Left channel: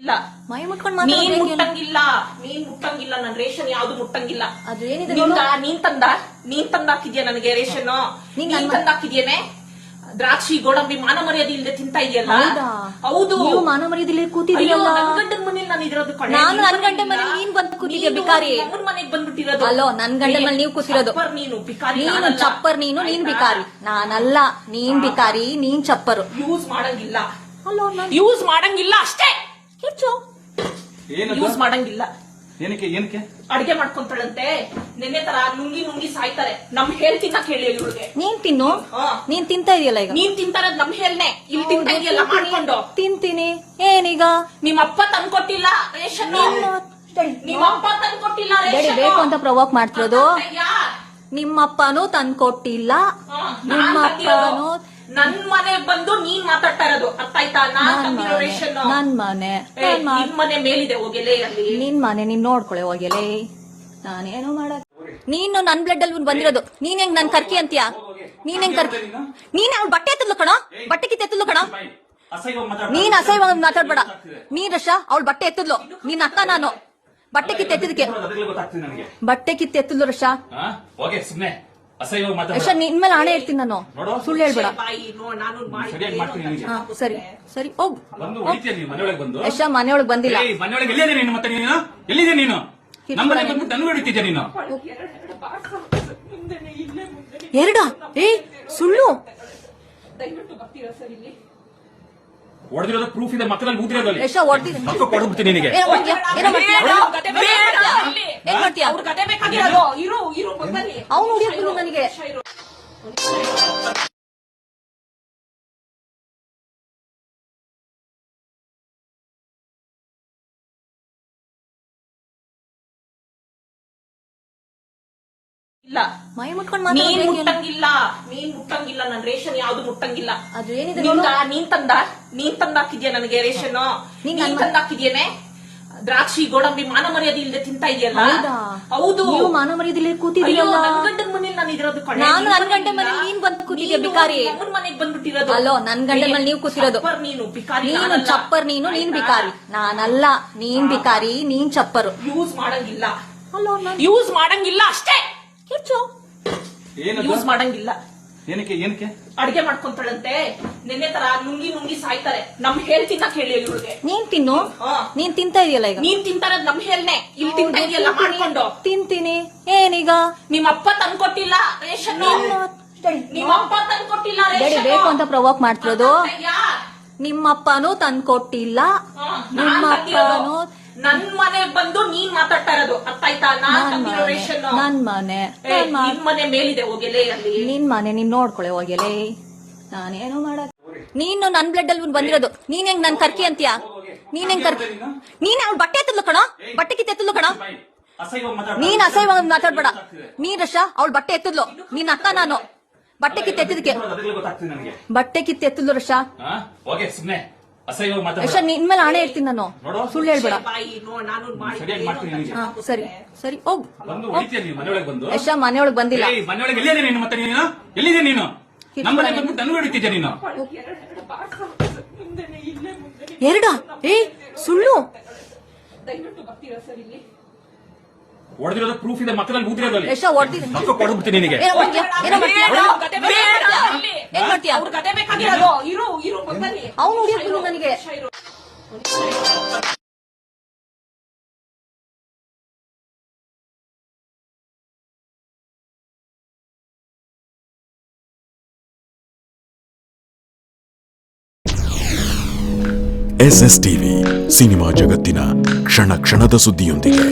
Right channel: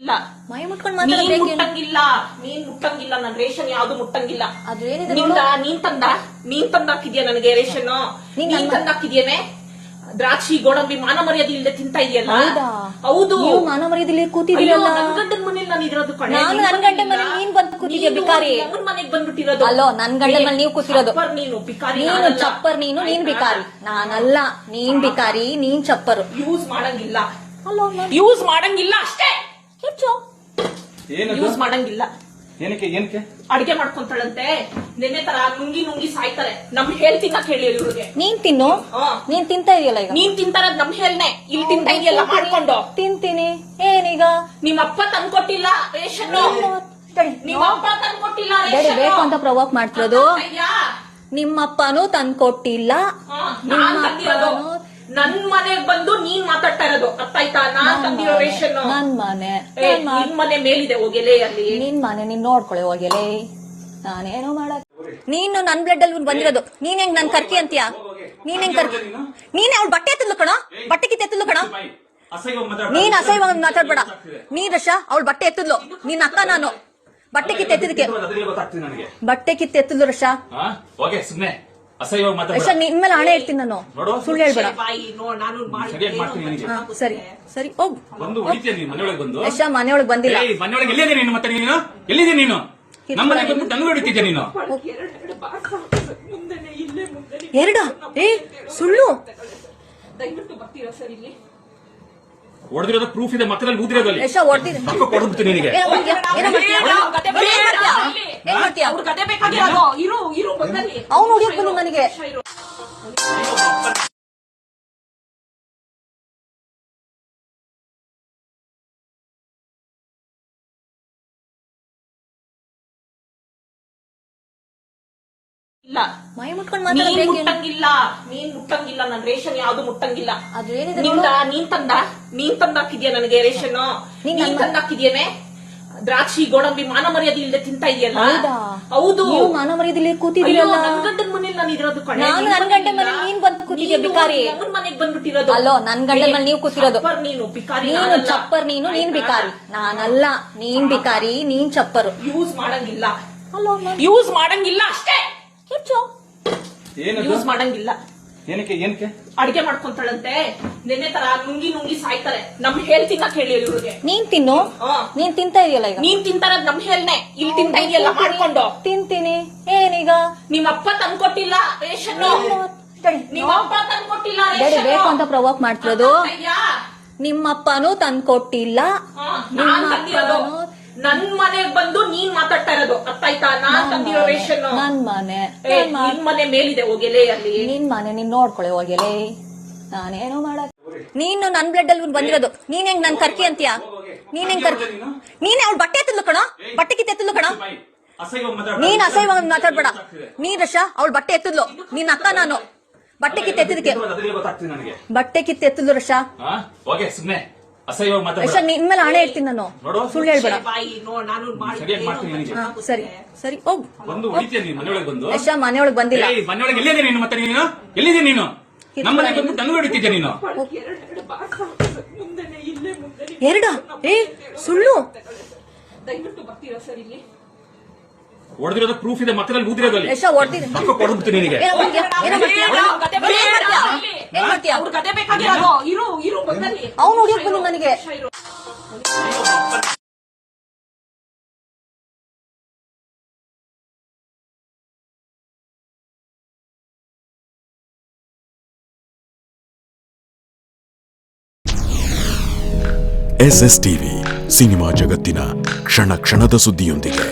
ಇಲ್ಲ ಮೈ ಮುಟ್ಕೊಂಡ್ ನೀನ್ ಮುಟ್ಟಂಗಿಲ್ಲ, ನೀನ್ ಮುಟ್ಟಂಗಿಲ್ಲ. ನನ್ ರೇಷನ್ ಯಾವ್ದು ಮುಟ್ಟಂಗಿಲ್ಲ. ಅದು ಏನಿದೆ ನೀನ್ ತಂದಾಕಿದ್ಯಾ ನನಗೆ ರೇಷನ್? ನೀನ್ ತಂದಾಕಿದ್ಯೇನೆ? ದ್ರಾಕ್ಷಿ ಗೋಡಂಬಿ ಮಾನ ಮರ್ಯಾದೆ ಇಲ್ಲದೆ ತಿಂತಾ ಇದೆಯಲ್ಲ. ಹೌದು, ನೀವು ಮಾನ ಮರ್ಯಾದೆ ಕೂತಿದ್ದೀರಲ್ಲ. ಗಂಡನ ಮನೇಲಿ ನಾನು ಇರೋದು. ನಾನು ನನ್ ಗಂಡ ಮನೆ ನೀನ್ ಬಂದ್ ಕೂತಿದ್ಯಾ ಬಿಕಾರಿ. ನಮ್ಮನ್ ಮನೆಗ್ ಬಂದ್ಬಿಟ್ಟಿರೋದು. ಅಲ್ಲೋ ನನ್ ಗಂಡ ಮನೆ ನೀವು ಕೂತಿರೋದು. ನೀನು ಬಿಕಾರಿ, ನೀನು ಚಪ್ಪರ್, ನೀನ್ ಬಿಕಾರಿ. ನಾನಲ್ಲ, ನೀನ್ ಬಿಕಾರಿ, ನೀನ್ ಚಪ್ಪರು. ಯೂಸ್ ಮಾಡಂಗಿಲ್ಲ. ಅಲ್ಲೋ ಯೂಸ್ ಮಾಡಂಗಿಲ್ಲ ಅಷ್ಟೇ. ಏನದು? ಯೂಸ್ ಮಾಡಂಗಿಲ್ಲ. ಏನಕ್ಕೆ ಅಡಿಗೆ ಮಾಡ್ಕೊಂತಾಳಂತೆ. ನೆನ್ನೆ ತರ ನುಂಗಿ ಸಾಯ್ತಾರೆ. ನಮ್ ಹೇಳ್ ತಿನ್ನಕ್ ಹೇಳಿ ಇವ್ರಿಗೆ. ನೀನ್ ತಿನ್ನು. ನೀನ್ ತಿಂತಾ ಇದೆಯಲ್ಲ ಈಗ. ನೀನ್ ತಿಂತಾರದ್ ನಮ್ ಹೇಳ್ನೆ. ಇಲ್ಲಿ ತಿಂತಾ ಇದೆಯಲ್ಲ ಮಾಡ್ಕೊಂಡು. ತಿಂತೀನಿ. ಏನೀಗ? ನಿಮ್ಮಪ್ಪ ತಂದ್ಕೊಟ್ಟಿಲ್ಲ ರೇಷನ್. ನಿಮ್ಮಪ್ಪ ತಂದ್ಕೊಟ್ಟಿಲ್ಲ ಬೇಡಿ, ರೇಷನ್. ಬೇಕು ಅಂತ ಪ್ರವೋಕ್ ಮಾಡ್ತಿರೋದು. ನಿಮ್ಮಪ್ಪನೂ ತಂದ್ಕೊಟ್ಟಿಲ್ಲ. ನಿಮ್ಮಪ್ಪನೂ ನನ್ ಮನೆಗ್ ಬಂದು ನೀನ್ ಮಾತಾಡ್ತಾ ಇರೋದು ಅರ್ಥ ಆಯ್ತಾ? ನಾನ್ ತಂದಿರೋ ರೇಷನ್ ನನ್ ಮನೆ. ನಿನ್ ಮನೆ ಮೇಲಿದೆ ಹೋಗಿಲೆ ಅಲ್ಲಿ. ನಿನ್ ಮನೆ ನೀನ್ ನೋಡ್ಕೊಳ್ಳಿ ಹೋಗಿಲೆ. ನಾನೇನೋ ಮಾಡಕ್. ನೀನು ನನ್ ಬ್ಲಡ್ ಅಲ್ಲಿ ಬಂದಿರೋದು. ನೀನ್ ಹೆಂಗ್ ನನ್ ಕರ್ಕಿ ಅಂತೀಯ? ನೀನ್ ಹೆಂಗ್ ಕರ್ಕಿ? ನೀನ್ ಅವ್ಳ ಬಟ್ಟೆ ಎತ್ತಲು ಕಣೋ, ಬಟ್ಟೆ ಕಿತ್ತ ಎತ್ತಲು ಕಣೋ. ನೀನ್ ಅಸಹ್ಯವಾಗಿ ಮಾತಾಡ್ಬೇಡ. ನೀನ್ ರಶ ಅವಳ ಬಟ್ಟೆ ಎತ್ತದ್ಲು. ನಿನ್ ಅಕ್ಕ ನಾನು. ಬಟ್ಟೆ ಕಿತ್ತ ಎತ್ತಿದಕ್ಕೆ ಬಟ್ಟೆ ಕಿತ್ತ ಎತ್ತದ್ಲು ರಶ. ರಶ ನಿನ್ ಮೇಲೆ ಹಣೆ ಇಡ್ತೀನಿ ನಾನು. ಸುಳ್ಳು ಹೇಳ್ಬೇಡ. ಸರಿ ಸರಿ ಹೋಗ್. ರಶ ಮನೆಯೊಳಗ್ ಬಂದಿಲ್ಲ. ಎರಡ ಸುಳ್ಳು. ದಯವಿಟ್ಟು ಬರ್ತೀರಾ ಸರ್ ಇಲ್ಲಿ? ಹೊಡೆದಿರೋದು ಪ್ರೂಫ್ ಇದೆ, ಮಕ್ಕಳಲ್ಲಿ ಊದಿರೋದು. ರಶ ಹೊಡೆದಿದ್ದೀನಿ. ಅವನು ಹೊಡಿಯಕ್ ಬಂದು ನನಗೆ. ಇಲ್ಲ ಮೈ ಮುಟ್ಕೊಂಡ್ ನೀನ್ ಮುಟ್ಟಂಗಿಲ್ಲ. ನನ್ ರೇಷನ್ ಯಾವ್ದು ಮುಟ್ಟಂಗಿಲ್ಲ. ಅದು ಏನಿದೆ? ನೀನ್ ತಂದಾಕಿದ್ಯಾ ನನಗೆ ರೇಷನ್? ನೀನ್ ತಂದಾಕಿದ್ಯೇನೆ? ದ್ರಾಕ್ಷಿ ಗೋಡಂಬಿ ಮಾನ ಮರ್ಯಾದೆ ಇಲ್ಲದೆ ತಿಂತಾ ಇದೆಯಲ್ಲ. ಹೌದು, ನೀವು ಮಾನ ಮರ್ಯಾದೆ ಕೂತಿದ್ದೀರಲ್ಲ. ಗಂಡನ ಮನೇಲಿ ನಾನು ಇರೋದು. ನಾನು ನನ್ ಗಂಡ ಮನೆ ನೀನ್ ಬಂದ್ ಕೂತಿದ್ಯಾ ಬಿಕಾರಿ. ನಮ್ಮನ್ ಮನೆಗ್ ಬಂದ್ಬಿಟ್ಟಿರೋದು. ಅಲ್ಲೋ ನನ್ ಗಂಡ ಮನೆ ನೀವು ಕೂತಿರೋದು. ನೀನು ಬಿಕಾರಿ. ನೀನು ಚಪ್ಪರ್, ನೀನ್ ಬಿಕಾರಿ. ನಾನಲ್ಲ, ನೀನ್ ಬಿಕಾರಿ, ನೀನ್ ಚಪ್ಪರು. ಯೂಸ್ ಮಾಡಂಗಿಲ್ಲ. ಅಲ್ಲೋ ಯೂಸ್ ಮಾಡಂಗಿಲ್ಲ ಅಷ್ಟೇ. ಯೂಸ್ ಮಾಡಂಗಿಲ್ಲ. ಏನಕ್ಕೆ ಅಡಿಗೆ ಮಾಡ್ಕೊಂತಾಳಂತೆ. ನೆನ್ನೆ ತರ ನುಂಗಿ ಸಾಯ್ತಾರೆ. ನಮ್ ಹೇಳ್ ತಿನ್ನಕ್ ಹೇಳಿ ಇವ್ರಿಗೆ. ನೀನ್ ತಿನ್ನು. ನೀನ್ ತಿಂತಾ ಇದೆಯಲ್ಲ ಈಗ. ನೀನ್ ತಿಂತಾರದ್ ನಮ್ ಹೇಳ್ನೆ. ಇಲ್ಲಿ ತಿಂತಾ ಇದೆಯಲ್ಲ ಮಾಡ್ಕೊಂಡು. ತಿಂತೀನಿ. ಏನೀಗ? ನಿಮ್ಮಪ್ಪ ತಂದ್ಕೊಟ್ಟಿಲ್ಲ ರೇಷನ್. ನಿಮ್ಮಪ್ಪ ತಂದ್ಕೊಟ್ಟಿಲ್ಲ ಬೇಡಿ, ರೇಷನ್. ಬೇಕು ಅಂತ ಪ್ರವೋಕ್ ಮಾಡ್ತಿರೋದು. ನಿಮ್ಮಪ್ಪನೂ ತಂದ್ಕೊಟ್ಟಿಲ್ಲ. ನಿಮ್ಮಪ್ಪನೂ ನನ್ ಮನೆಗ್ ಬಂದು ನೀನ್ ಮಾತಾಡ್ತಾ ಇರೋದು ಅರ್ಥ ಆಯ್ತಾ? ನಾನ್ ತಂದಿರೋ ರೇಷನ್ ನನ್ ಮನೆ. ನಿನ್ ಮನೆ ಮೇಲಿದೆ ಹೋಗಿಲೆ ಅಲ್ಲಿ. ನಿನ್ ಮನೆ ನೀನ್ ನೋಡ್ಕೊಳ್ಳಿ ಹೋಗಿಲೆ. ನಾನೇನೋ ಮಾಡಕ್. ನೀನು ನನ್ ಬ್ಲಡ್ ಅಲ್ಲಿ ಬಂದಿರೋದು. ನೀನ್ ಹೆಂಗ್ ನನ್ ಕರ್ಕಿ ಅಂತೀಯ? ನೀನ್ ಹೆಂಗ್ ಕರ್ಕಿ? ನೀನ್ ಅವಳ ಬಟ್ಟೆ ಎತ್ತದ್ಲು ಕಣೋ, ಬಟ್ಟೆ ಕಿತ್ತ ಎತ್ತದ್ಲು ಕಣೋ. ನೀನ್ ಅಸಹ್ಯವಾಗಿ ಮಾತಾಡ್ಬೇಡ. ನೀನ್ ರಶ ಅವಳ ಬಟ್ಟೆ ಎತ್ತದ್ಲು. ನಿನ್ ಅಕ್ಕ ನಾನು. ಬಟ್ಟೆ ಕಿತ್ತ ಎತ್ತಿದಕ್ಕೆ ಬಟ್ಟೆ ಕಿತ್ತ ಎತ್ತದ್ಲು ರಶ. ರಶ ನಿನ್ ಮೇಲೆ ಹಣೆ ಇಡ್ತೀನಿ ನಾನು. ಸುಳ್ಳು ಹೇಳ್ಬೇಡ. ಸರಿ ಸರಿ ಹೋಗ್. ರಶ ಮನೆಯೊಳಗ್ ಬಂದಿಲ್ಲ. ಎರಡ ಸುಳ್ಳು. ದಯವಿಟ್ಟು ಬರ್ತೀರಾ ಸರ್ ಇಲ್ಲಿ? ಹೊಡೆದಿರೋದು ಪ್ರೂಫ್ ಇದೆ, ಮಕ್ಕಳಲ್ಲಿ ಊದಿರೋದು. ರಶ ಹೊಡೆದಿದ್ದೀನಿ. ಅವನು ಹೊಡಿಯಕ್ ಬಂದು ನನಗೆ. SS ಟಿವಿ ಸಿನಿಮಾ ಜಗತ್ತಿನ ಕ್ಷಣ ಕ್ಷಣದ ಸುದ್ದಿಯೊಂದಿಗೆ.